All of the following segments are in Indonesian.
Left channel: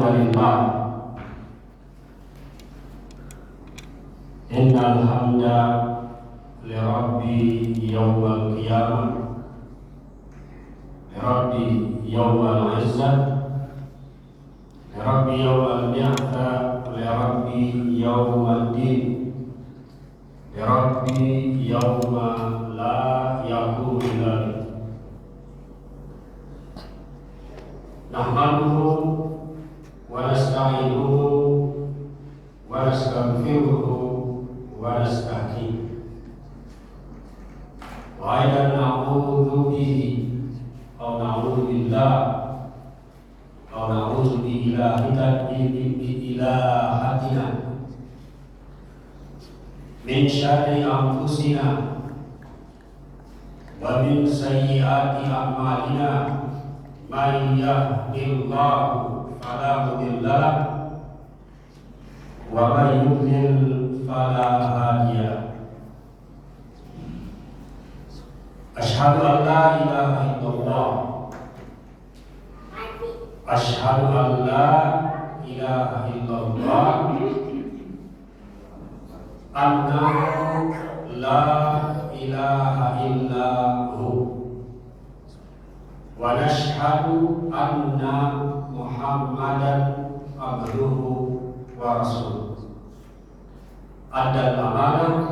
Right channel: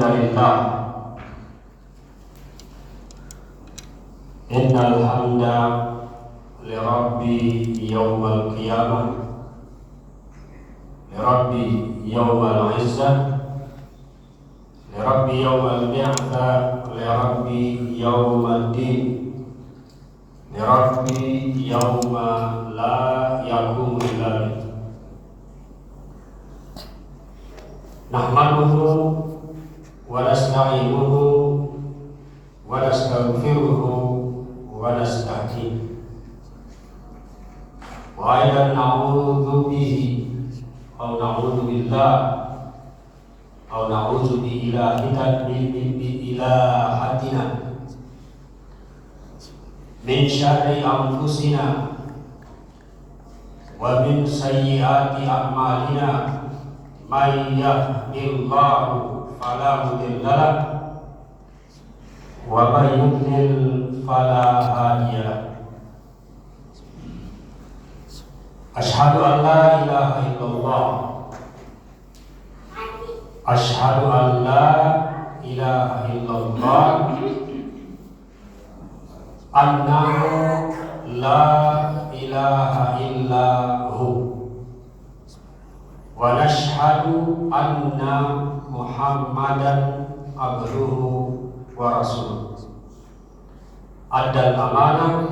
Alhamdulillah, innal hamda li rabbi yawmal qiyamah, li rabbi yawmal izzah, li rabbi yawmal bi'tha, li rabbi yawmal din, li rabbi yawma la yaqumu dzalik. Nahmaduhu wa nasta'inuhu wa nastaghfiruhu wa nastahdihi wa aidan na'udzu bihi aw na'udzu billah aw na'udzu bi ilahatina min syarri anfusina wa min sayyiati a'malina. Man yahdihillahu fala mudilla lahu wa man yudlil fala hadiya lahu. Asyhadu an la ilaha illallah, asyhadu an la ilaha illallah, annahu la ilaha illahu, wa nashhadu anna Muhammadan abduhu wa rasuluh. Adal amanah,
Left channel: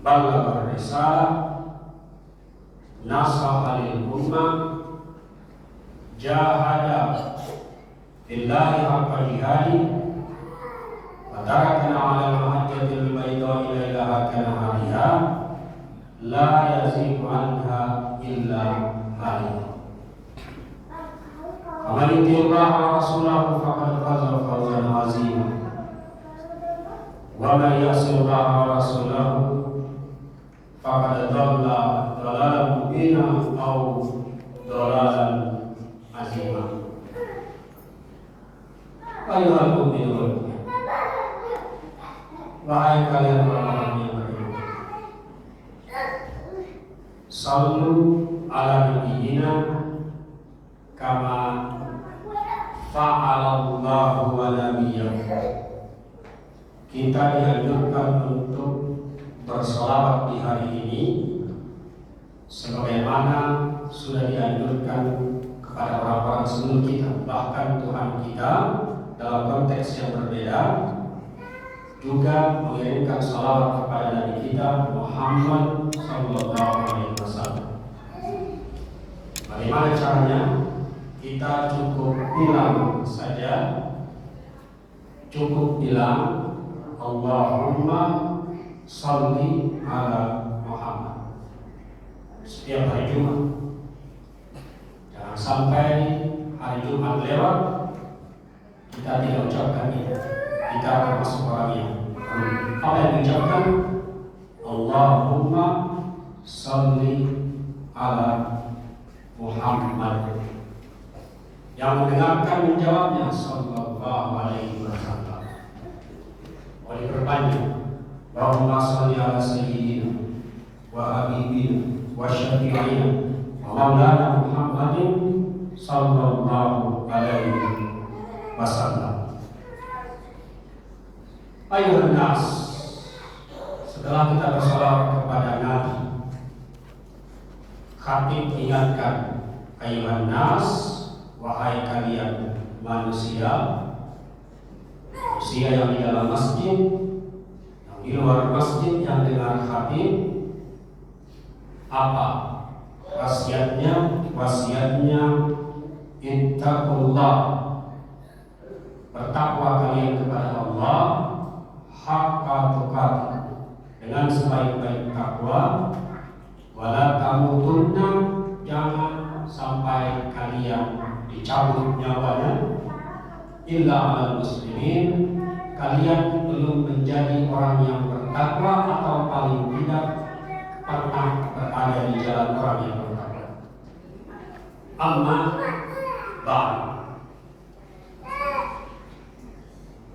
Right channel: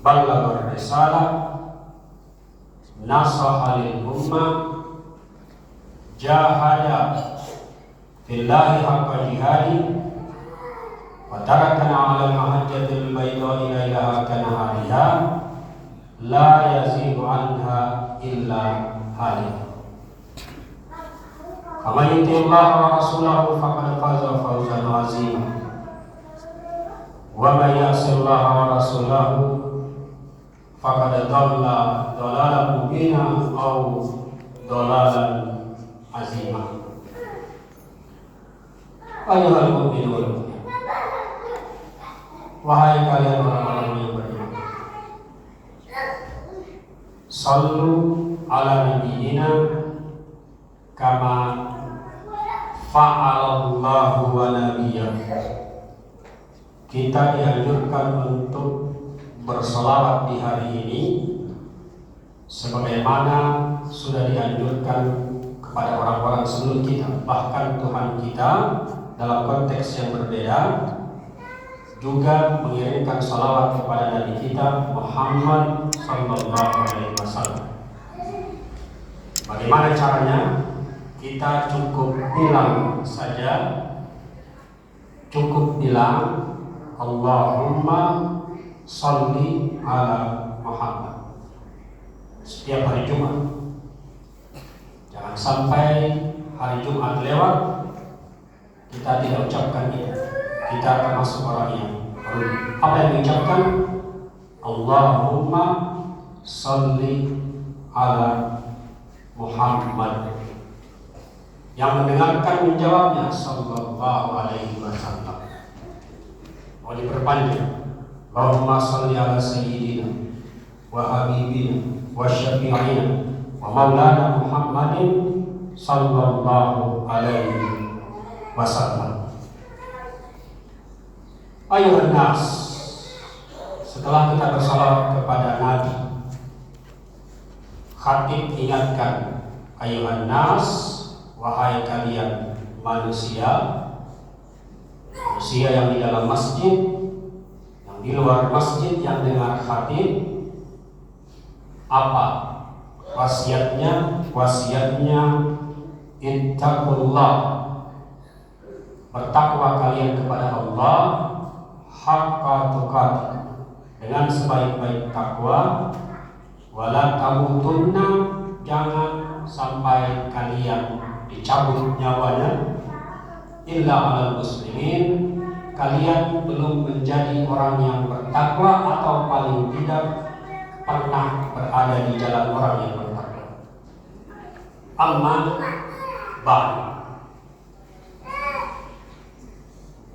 ballagha risalah, nasaha lil ummah, jahada billahi haqqa jihadi, wa tarakana 'ala al-mahajjatil bayda'i lailaha kanahariha la yazighu anha illa halik. Faman yuti'illah wa rasulahu faqad faza fawzan 'azima, wa man ya'sillah wa rasulahu faqad dhalla dhalalan mubina aw dhalalan 'azima. Ayyuhal mu'minun, wahai kalian orang-orang yang beriman, sallu ala nabiyyina kama fa'alallahu wa nabiyyah. Kita dianjurkan untuk berselawat di hari ini sebagaimana sudah dianjurkan kepada orang-orang sebelum kita. Bahkan Tuhan kita dalam konteks yang berbeda juga mengirimkan salawat kepada Nabi kita Muhammad sallallahu alaihi wasallam. Bagaimana caranya? Kita cukup bilang saja, cukup bilang Allahumma sholli ala Muhammad setiap hari Jumat. Jangan sampai hari Jumat lewat kita tidak ucapkannya. Kita akan masuk orang yang apa yang diucapkan? Allahumma sholli ala Muhammad. Yang mendengarkan menjawabnya sallallahu alaihi wasallam. Mau diperpanjang. Allahumma sholli ala sayyidina wa habibina wa syafi'ina wa maulana Muhammadin sallallahu alaihi wasallam. Ayuhan nas, setelah kita bersalawat kepada Nabi, khatib ingatkan, ayuhan nas, wahai kalian manusia, manusia yang di dalam masjid, yang di luar masjid, yang dengar khatib. Apa wasiatnya? Wasiatnya ittaqullah, bertakwa kalian kepada Allah haqqa tuqatih, dengan sebaik-baik takwa. Wala tamutunna, jangan sampai kalian dicabut nyawanya, illa alal muslimin, kalian belum menjadi orang yang bertakwa atau paling tidak pernah berada di jalan orang yang bertakwa. Amma ba'd.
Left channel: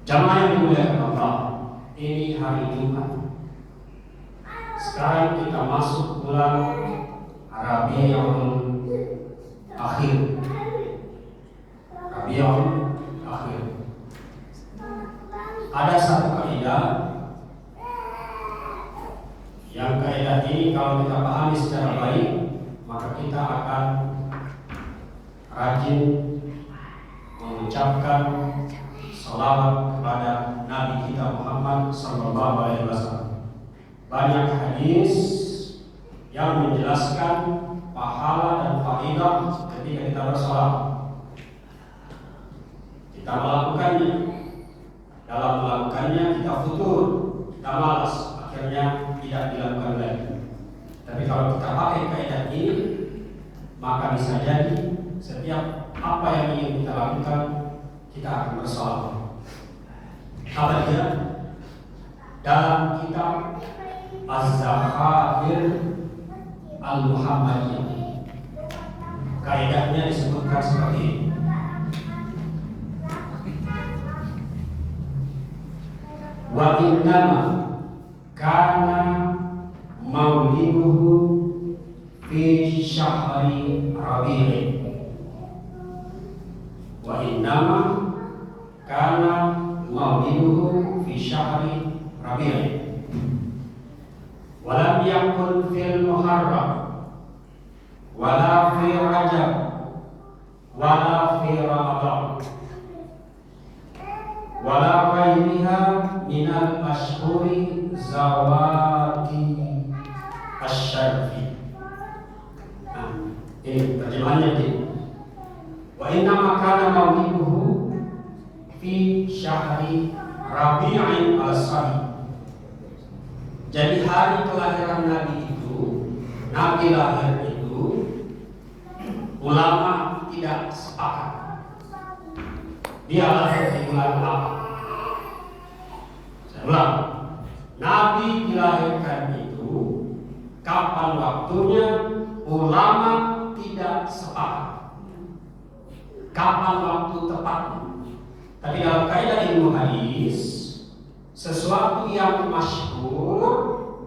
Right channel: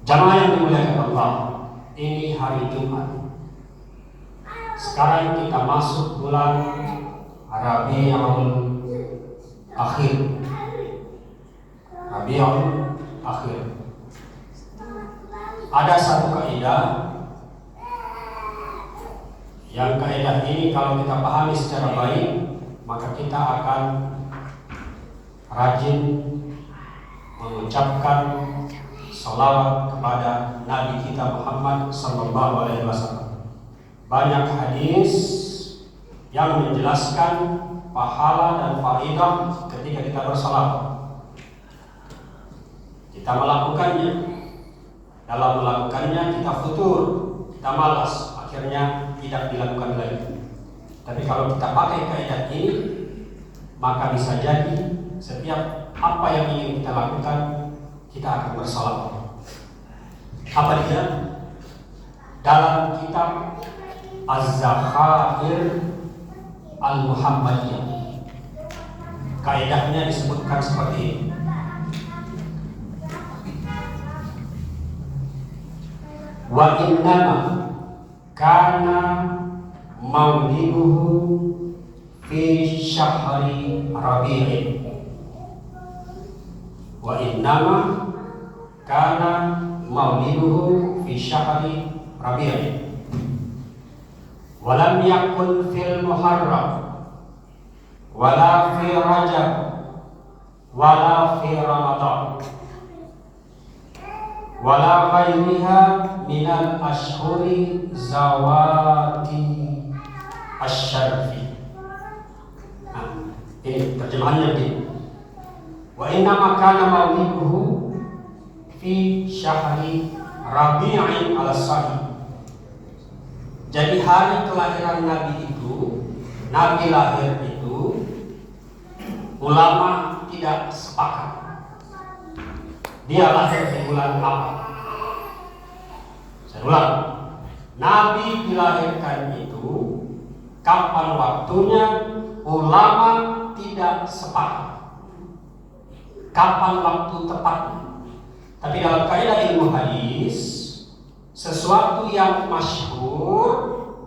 Jamaah yang dimuliakan Allah, ini hari Jumat. Sekarang kita masuk bulan Rabiul Akhir. Rabiul Akhir. Ada satu kaidah yang kaidah ini kalau kita pahami secara baik, maka kita akan rajin mengucapkan salawat kepada Nabi kita Muhammad Sallallahu Alaihi Wasallam. Banyak hadis yang menjelaskan pahala dan fadilah ketika kita bersalawat. Kita melakukannya, dalam melakukannya kita futur, kita malas, akhirnya tidak dilakukan lagi. Tapi kalau kita pakai kaidah ini, maka bisa jadi setiap apa yang ingin kita lakukan, kita akan bersalawat. Apa dia? Dalam kitab Az-Zakhair Al-Muhammadiyah, kaidahnya disebutkan seperti ini. Wa innama kana mauliduhu fi syahri Rabi'in. Wa innama kana mauliduhu fi syahri Rabi'in. Walam yakun fil Muharram wala fi Rajab wala fi Ramadan wala ghairiha minal ashhuri zawati asyarfi. Ini terjemahannya begini. Wa inna makana mauliduhu fi syahri Rabi'in al-Sahih. Jadi hari kelahiran Nabi itu, Nabi lahir itu, ulama tidak sepakat dia lahir di bulan apa. Saya ulang, Nabi dilahirkan itu kapan waktunya, ulama tidak sepakat kapan waktu tepatnya. Tapi dalam kaidah ilmu hadis, sesuatu yang masyhur,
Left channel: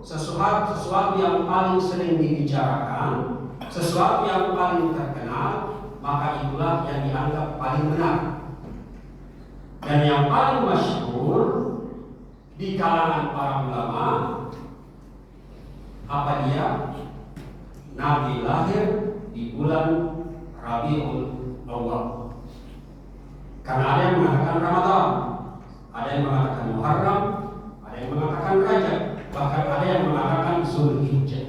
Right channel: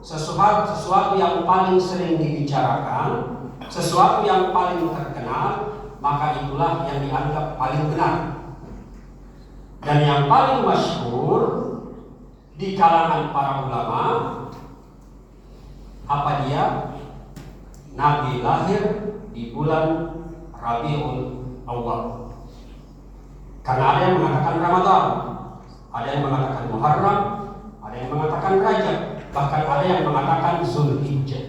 sesuatu yang paling sering dibicarakan, sesuatu yang paling terkenal, maka itulah yang dianggap paling benar. Dan yang paling masyhur di kalangan para ulama, apa dia? Nabi lahir di bulan Rabiul Awal. Karena ada yang mengatakan Ramadan, ada yang mengatakan Muharram, ada yang mengatakan Rajab, bahkan ada yang mengatakan Zulhijjah.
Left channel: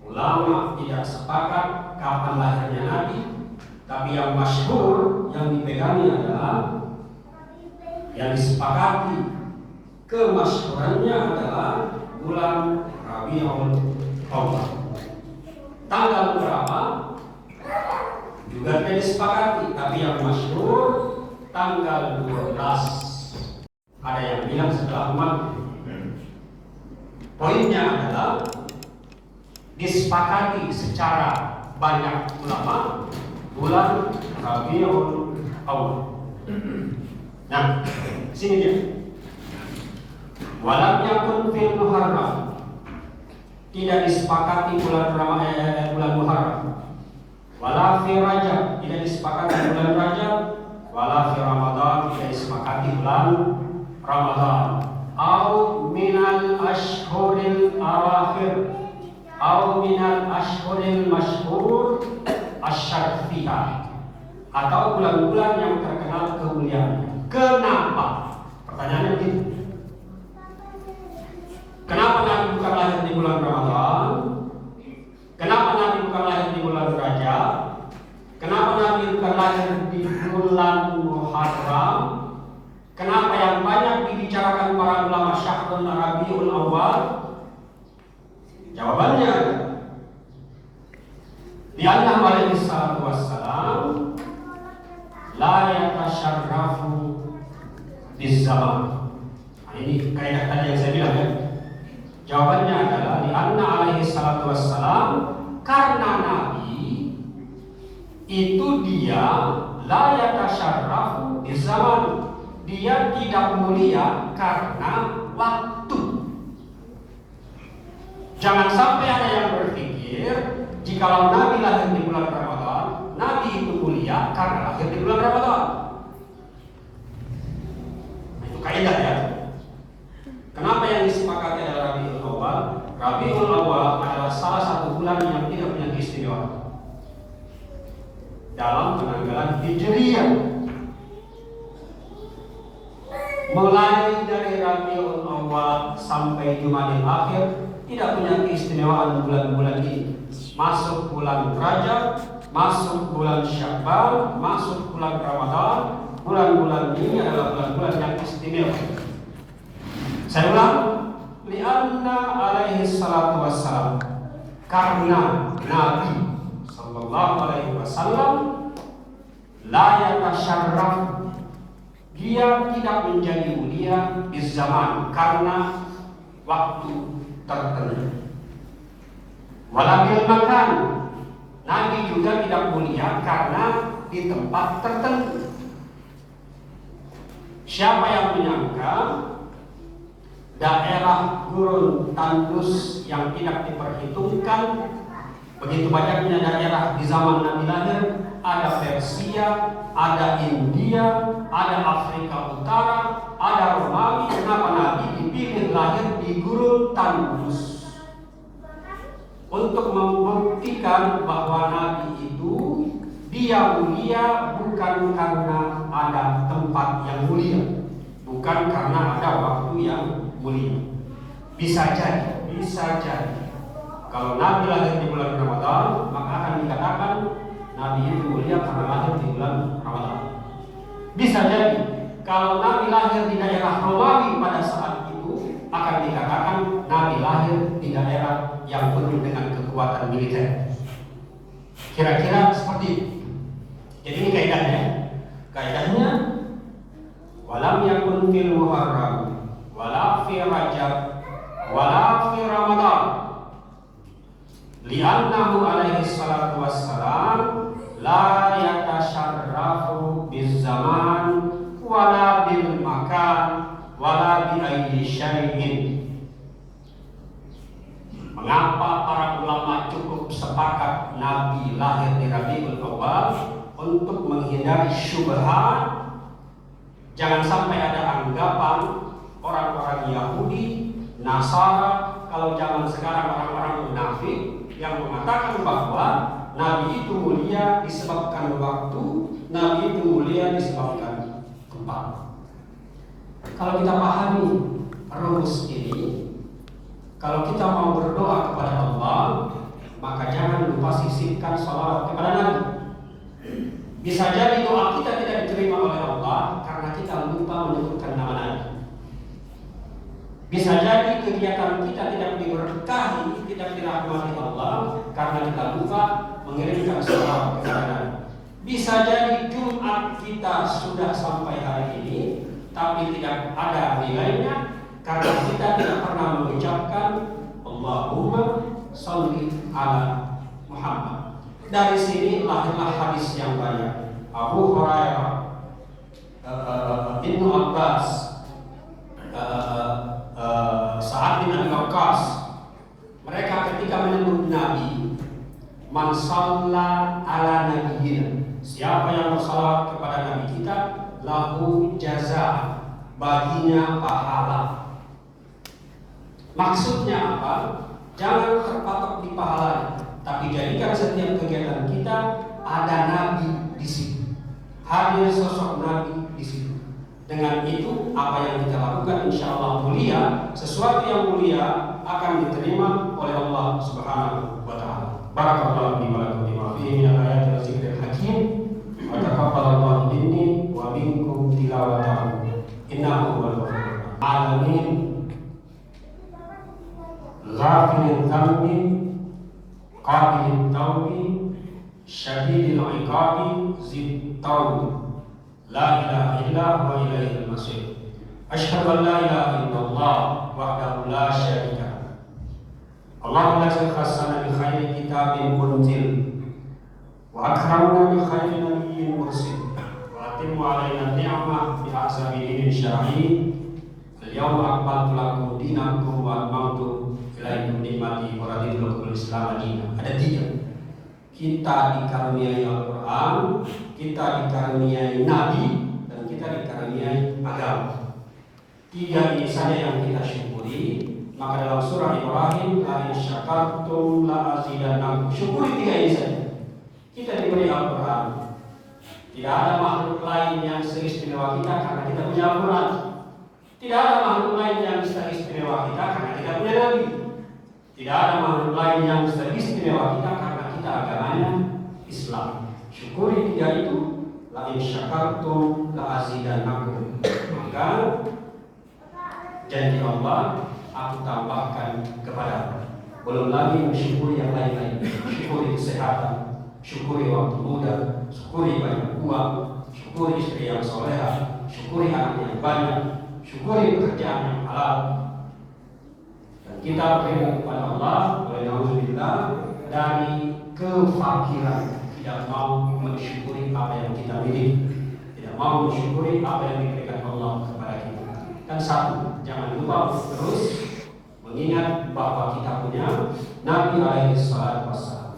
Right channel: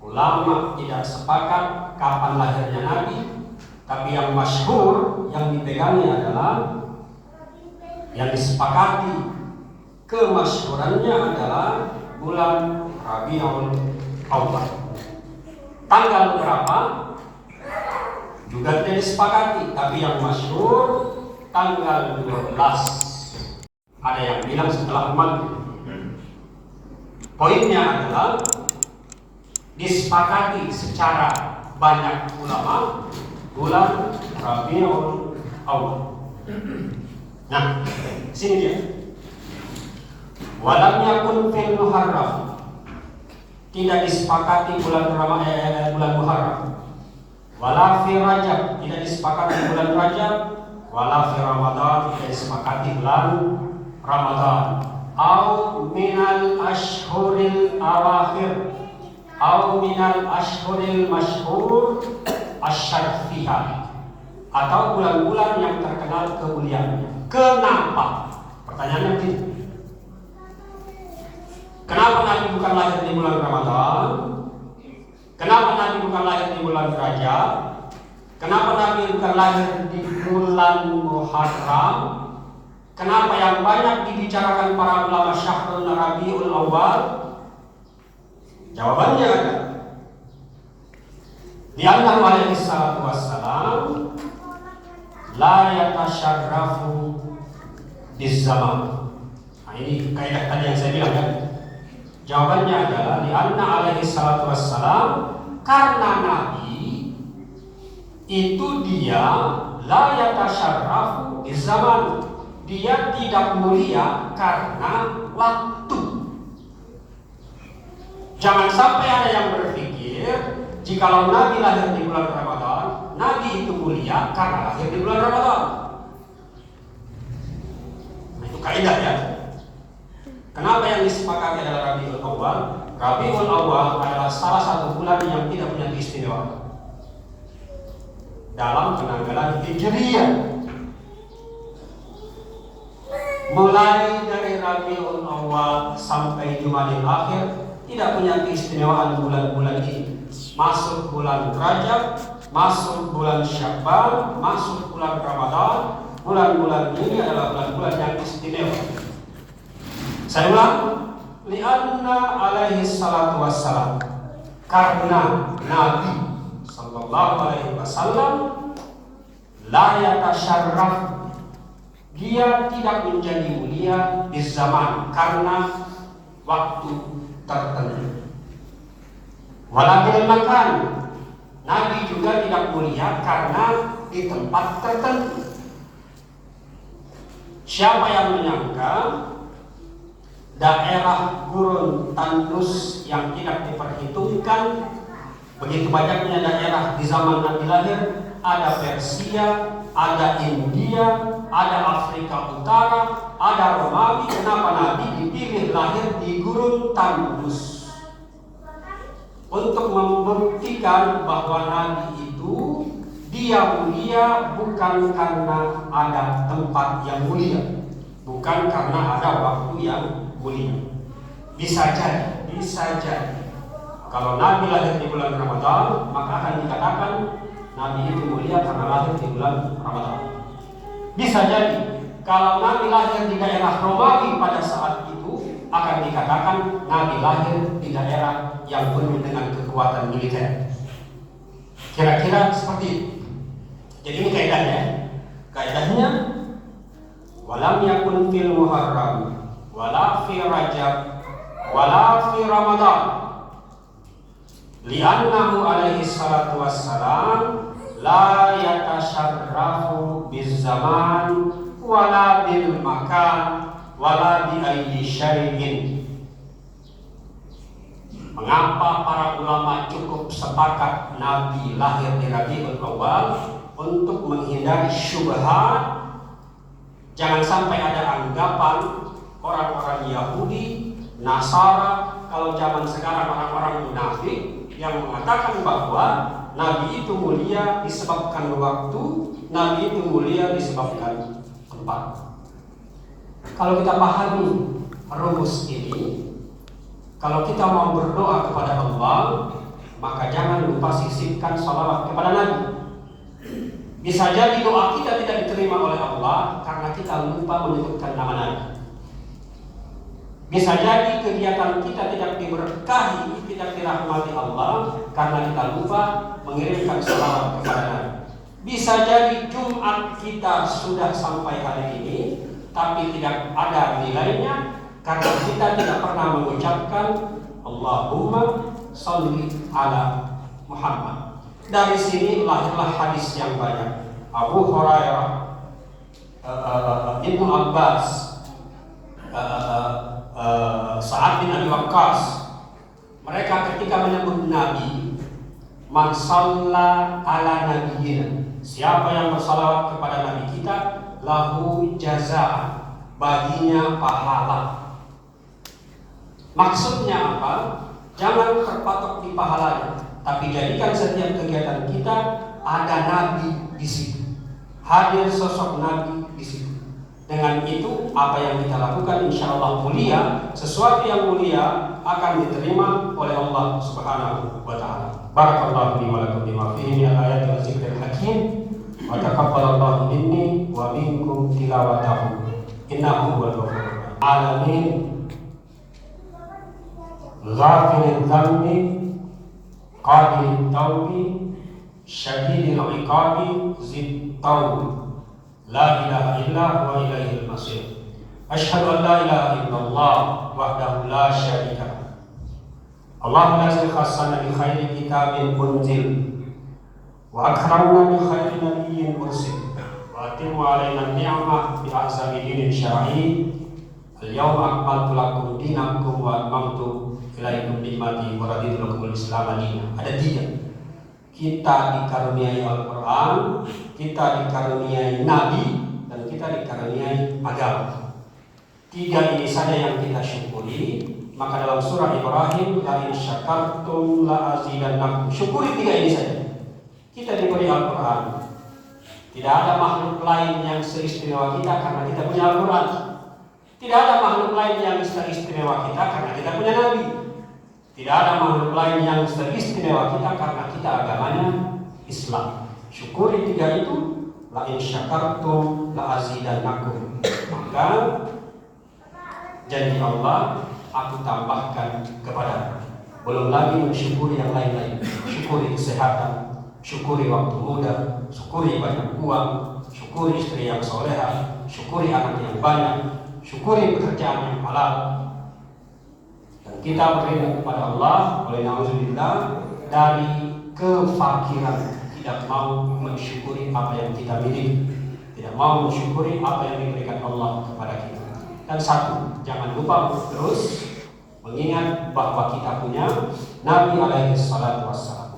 Ulama tidak sepakat kapan lahirnya Nabi, tapi yang masyhur yang dipegangi adalah, yang disepakati kemasyhurannya adalah bulan Rabiul Awal. Tanggal berapa juga tidak disepakati, tapi yang masyhur tanggal 12. Ada yang bilang setelah maghrib. Poinnya adalah disepakati secara banyak ulama bulan Rabiul Awal. Nah, sini dia. Walam yakun fil Muharram, tidak disepakati bulan Muharram. Wala fi Rajab, tidak disepakati bulan Rajab. Wala fi Ramadan, tidak disepakati bulan Ramadan. Au minal ashhuril awakhir, au minal ashhuril masyhur asyarfiyah, atau bulan-bulan yang terkenal kemuliaannya. Kenapa? Pertanyaannya begini. Kenapa Nabi bukan lahir di bulan Ramadan? Kenapa Nabi bukan lahir di bulan Rajab? Kenapa Nabi bukan lahir di bulan Muharram? Kenapa yang banyak dibicarakan para ulama Syahrul Rabiul Awal? Jawabannya ada. Lianna alaihi salatu wassalam la yatasyarrafu bizaman. Nah, ini kaidah tadi yang saya bilang ya. Jawabannya adalah lianna alaihi salatu wassalam, karena Nabi itu dia la yatasyarrafu bizaman. Dia tidak mulia karena waktu. Jangan sampai ada yang berpikir jika Nabi lahir di bulan Ramadan dalam penanggalan Hijriyah. Mulai dari Rabiul Awwal sampai Jumadil Akhir tidak punya keistimewaan bulan-bulan ini. Masuk bulan Rajab, masuk bulan Syawal, masuk bulan Ramadan, bulan-bulan ini adalah bulan-bulan yang istimewa. Saya ulang, lianna alaihi salatu wassalam, karena Nabi sallallahu alaihi wasallam la yatasyarraf, dia tidak menjadi mulia di zaman karena waktu tertentu. Walaupun makan, Nabi juga tidak mulia karena di tempat tertentu. Siapa yang menyangka daerah gurun tandus yang tidak diperhitungkan, begitu banyaknya daerah di zaman Nabi lahir, ada Persia, ada India, ada Afrika Utara, ada Romawi. Kenapa Nabi dipilih lahir di gurun tandus? Untuk membuktikan bahwa Nabi itu dia mulia bukan karena ada tempat yang mulia, bukan karena ada waktu yang mulia. Bisa jadi kalau Nabi lahir di bulan Ramadan, maka akan dikatakan Nabi itu mulia karena lahir di bulan Ramadan. Bisa jadi kalau Nabi lahir di daerah Romawi pada saat itu, akan dikatakan Nabi lahir di daerah yang penuh dengan kekuatan militer. Kira-kira seperti itu. Jadi ini kaidahnya walam yakun fil Muharram wala fi Rajab wala fi Ramadan li'annahu alaihi salatu wassalam la yatasyarrafu biz zaman wala bil makan wala bi ayyi syai'in. Mengapa para ulama cukup sepakat Nabi lahir di Rabiul Awwal? Untuk menghindari syubhat, jangan sampai ada anggapan orang-orang Yahudi, Nasara, kalau zaman sekarang orang-orang munafik yang mengatakan bahwa Nabi itu mulia disebabkan waktu, Nabi itu mulia disebabkan tempat. Kalau kita pahami rumus ini, kalau kita mau berdoa kepada Allah, maka jangan lupa sisipkan salawat kepada Nabi. Bisa jadi doa kita tidak diterima oleh Allah karena kita lupa menyebutkan nama Nabi. Bisa jadi kegiatan kita tidak diberkahi, tidak dirahmati Allah karena kita lupa mengirimkan salawat kepada Nabi. Bisa jadi Jumat kita sudah sampai hari ini, tapi tidak ada nilainya karena kita tidak pernah mengucapkan Allahumma sholli ala Muhammad. Dari sini lahirlah hadis yang banyak. Abu Hurairah, Ibnu Abbas, Sa'ad bin Abi Waqqas, mereka ketika menyebut Nabi, man shalla ala nabiyyina, siapa yang bersalawat kepada Nabi kita, lahu jazaa, baginya pahala. Maksudnya apa? Jangan terpatok di pahalanya, tapi jadikan setiap kegiatan kita ada Nabi di situ, hadir sosok Nabi di situ. Dengan itu apa yang kita lakukan insya Allah mulia. Sesuatu yang mulia akan diterima oleh Allah Subhanahu wa Ta'ala. Barakallahu li wa lakum bima fihi min al-ayati wa dzikril hakim, wa taqabbalallahu minni wa minkum tilawatahu innahu huwal ghafurur alamin. Ghafiril dzambi qabilit taubi syadidil iqabi zid taub la ilaha illa wa ilaihil masir. Asyhadu an la ilaha illallah wahdahu la syarika lah. Allahumma la khassana bi khairi kitabin unzil wa akramna bi khairi nabiyyin mursil wa atimmu alaina ni'mah bi ahsani dinin syar'i. Al-yawma akmaltu lakum dinakum wa atmamtu ilaikum ni'mati wa raditu lakum al-islam dinan. Ada tiga. Kita dikaruniai Al-Quran, kita dikaruniai Nabi, dan kita dikaruniai agama. Tiga ini saja yang kita syukuri. Maka dalam surah Ibrahim, la in syakartum la azidannakum. Syukuri tiga ini saja. Kita diberi Al-Quran, Tidak ada makhluk lain yang seistimewa kita karena kita punya Al-Quran. Tidak ada makhluk lain yang seistimewa kita karena kita punya Nabi. Tidak ada makhluk lain yang seistimewa kita karena kita agamanya Islam. Syukuri tiga itu. La in syakartum la azidannakum. Maka janji Allah, aku tambahkan kepadamu. Belum lagi mensyukuri yang lain-lain. Syukuri kesehatan, syukuri waktu muda, syukuri banyak uang, syukuri istri yang soleha, syukuri anak yang banyak, syukuri pekerjaan yang halal. Dan kita beriman kepada Allah, oleh na'udzubillah, dari kefakiran. Tidak mau mensyukuri apa yang kita miliki, tidak mau mensyukuri apa yang diberikan Allah kepada kita. Dan satu, jangan lupa terus mengingat bahwa kita punya Nabi alaihi salatu wassalam.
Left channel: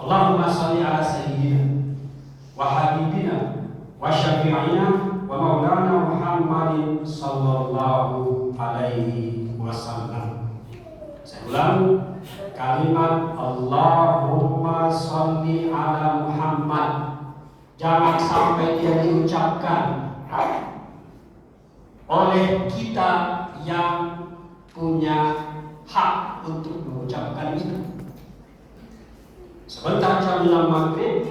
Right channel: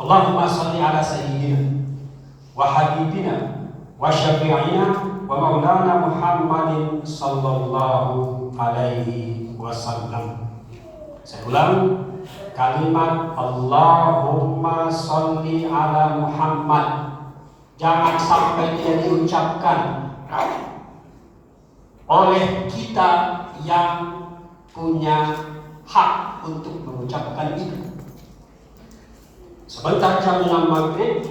Allahumma sholli ala sayyidina wa habibina wa syafi'ina wa maulana Muhammadin sallallahu alaihi wasallam. Saya ulang kalimat Allahumma sholli ala Muhammad. Jangan sampai dia diucapkan oleh kita yang punya hak untuk mengucapkan itu. Sebentar jam 6 maghrib,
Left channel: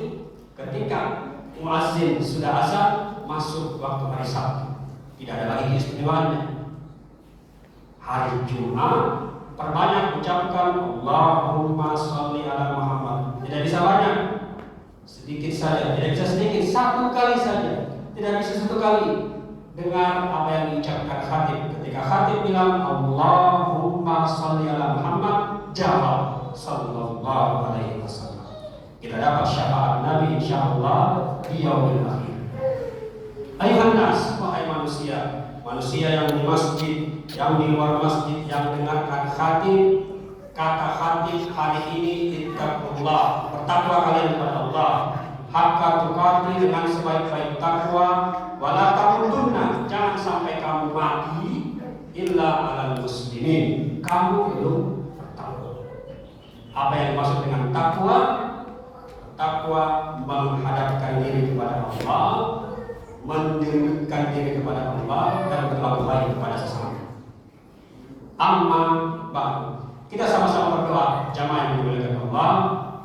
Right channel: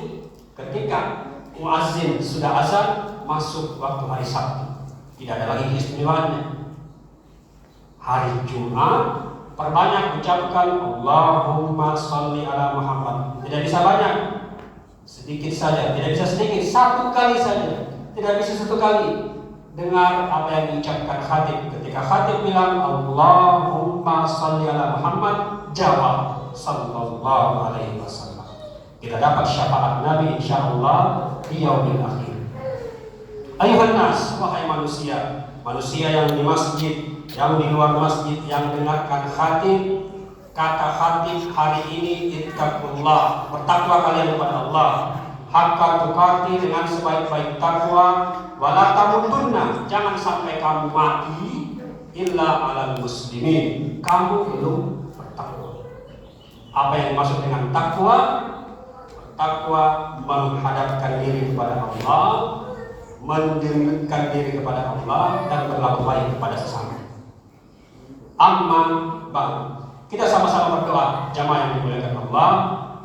ketika muazzin sudah azan, masuk waktu hari Sabtu. Tidak ada lagi keistimewaannya. Hari Jumat, perbanyak ucapkan Allahumma sholli ala Muhammad. Tidak bisa banyak, sedikit saja. Tidak bisa sedikit, satu kali saja. Tidak bisa satu kali. Dengar apa yang diucapkan khatib. Ketika khatib bilang Allahumma sholli ala Muhammad, jawab sallallahu alaihi wasallam. Kita dapat syafaat Nabi insyaallah di yaumil akhir. Ayuhan nas, wahai manusia, manusia yang di masjid, yang di luar masjid, yang dengarkan khatib, kata khatib hari ini ittaqullah, bertakwa kalian kepada Allah, haqqa tuqati, dengan sebaik-baik takwa, wala tamutunna, jangan sampai kamu mati illa alal muslimin, kamu belum bertakwa. Apa yang dimaksud dengan takwa? Takwa menghadapkan diri kepada Allah, mendekatkan diri kepada Allah, dan berlaku baik kepada sesama. Amma ba'du, kita sama-sama berdoa jamaah yang dimuliakan Allah.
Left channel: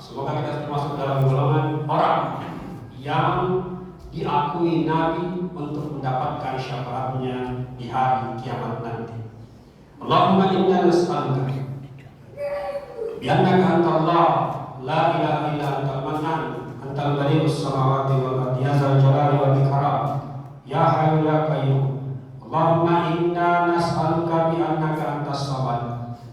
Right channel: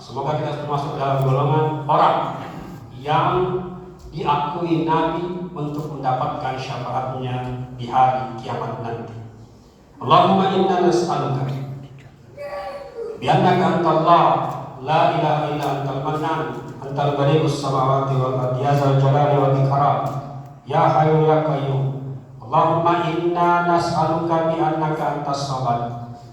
Semoga kita termasuk dalam golongan orang yang diakui Nabi untuk mendapatkan syafaatnya di hari kiamat nanti. Allahumma inna nas'aluka bi annaka antallah la ilaha illa antal mannan antal badi'us samawati wal ardi ya dzal jalali wal ikram ya hayyu ya qayyum. Allahumma inna nas'aluka bi annaka antas samad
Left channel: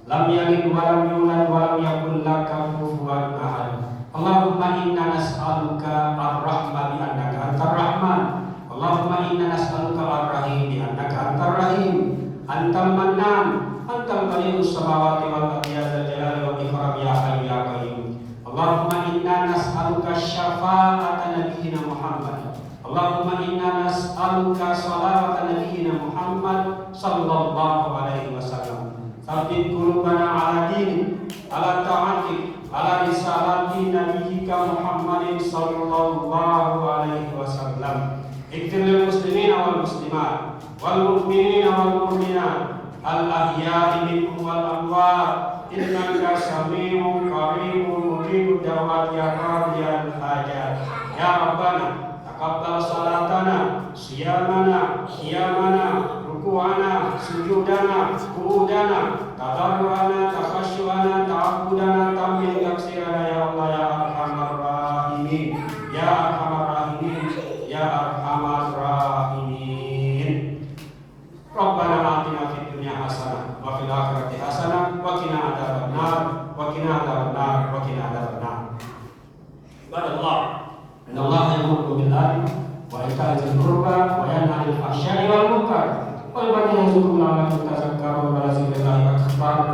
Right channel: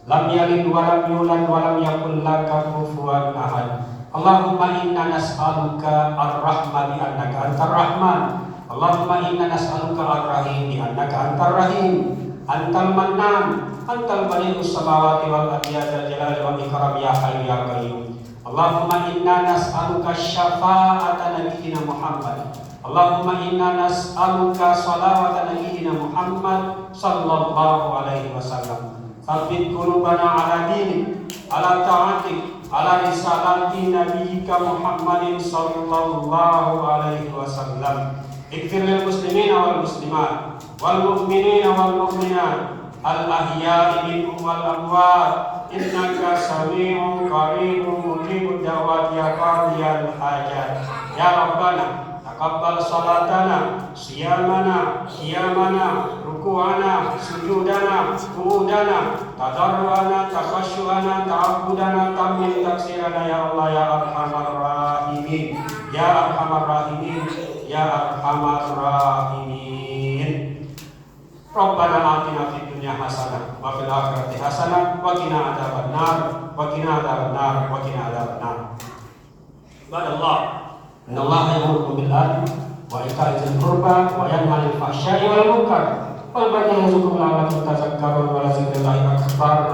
lam yalid wa lam yulad wa lam yakul laka kufuwan ahad. Allahumma inna nas'aluka ar-rahma bi annaka antar rahman. Allahumma inna nas'aluka ar-rahim bi annaka antar rahim. Antal mannan, antal badi'us samawati wal ardi ya dzal jalali wal ikram ya hayyu ya qayyum. Allahumma inna nas'aluka syafa'ata nabiyyina Muhammad. Allahumma inna nas'aluka salawata nabiyyina Muhammad sallallahu alaihi wasallam. Tsabbit qulubana ala dinik, ala ta'atik, ala risalati nabiyyika Muhammadin sallallahu alaihi wasallam. Ighfir lil muslimina wal muslimat wal mu'minina wal mu'minat al ahya'i minhum wal amwat innaka sami'un qaribun mujibud da'wat ya qadiyal hajat. Ya Rabbana taqabbal salatana, siyamana, qiyamana, ruku'ana, sujudana, qu'udana, tadarruana, takhasyu'ana, ta'abbudana, tamil taksirana ya Allah ya arhamar rahimin. Ya arhamar rahimin, ya arhamar rahimin. Rabbana atina fid dunya hasanah wa fil akhirati hasanah wa qina adzabannar wa qina adzabannar wa qina adzabannar. Ibadallah, innallaha ya'muru bil 'adli wa ita'i dzil qurba wa yanha 'anil fahsya'i wal munkar wal baghi ya'izukum la'allakum tadhakkarun wa la dzikrullahi akbar.